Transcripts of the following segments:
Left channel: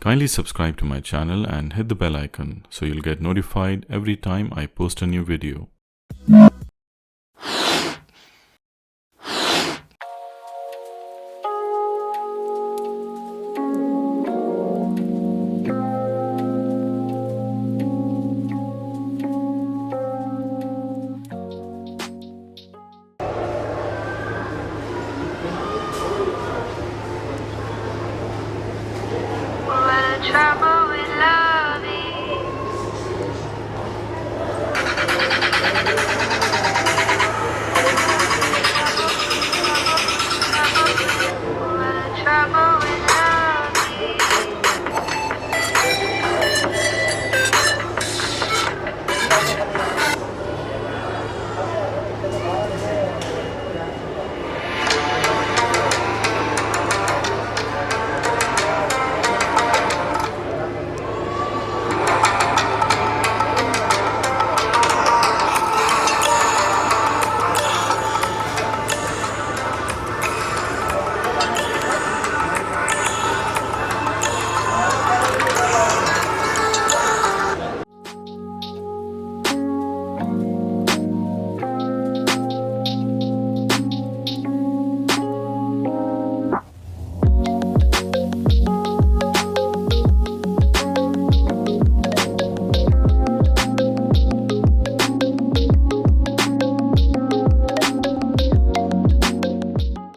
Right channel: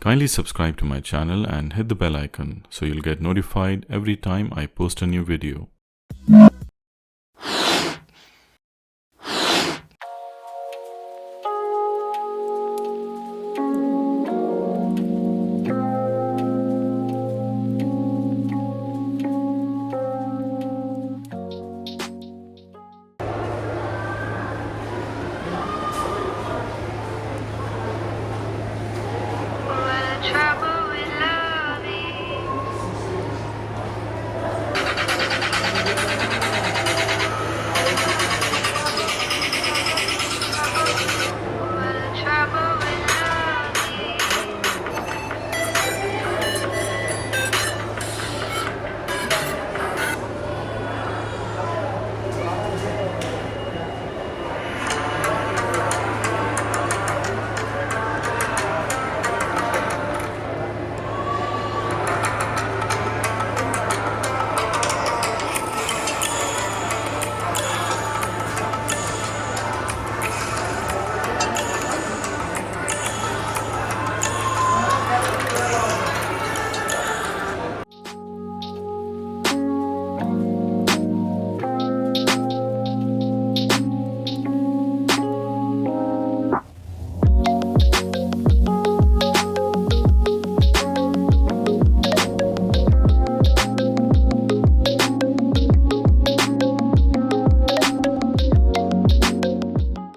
Kindly subscribe to my channel and hit the bell icon so you'll get notified every time I post a new video.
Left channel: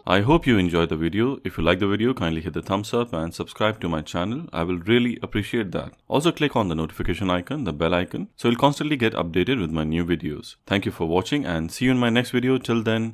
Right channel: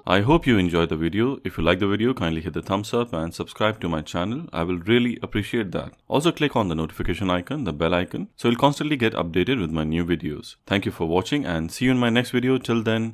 I hope you enjoyed the video. If you like the video, kindly hit the thumbs up and subscribe to my channel. I will really appreciate that. Also click on the notification icon, the bell icon, so you'll constantly get updated with my new videos. Thank you for watching and see you in my next video. Till then,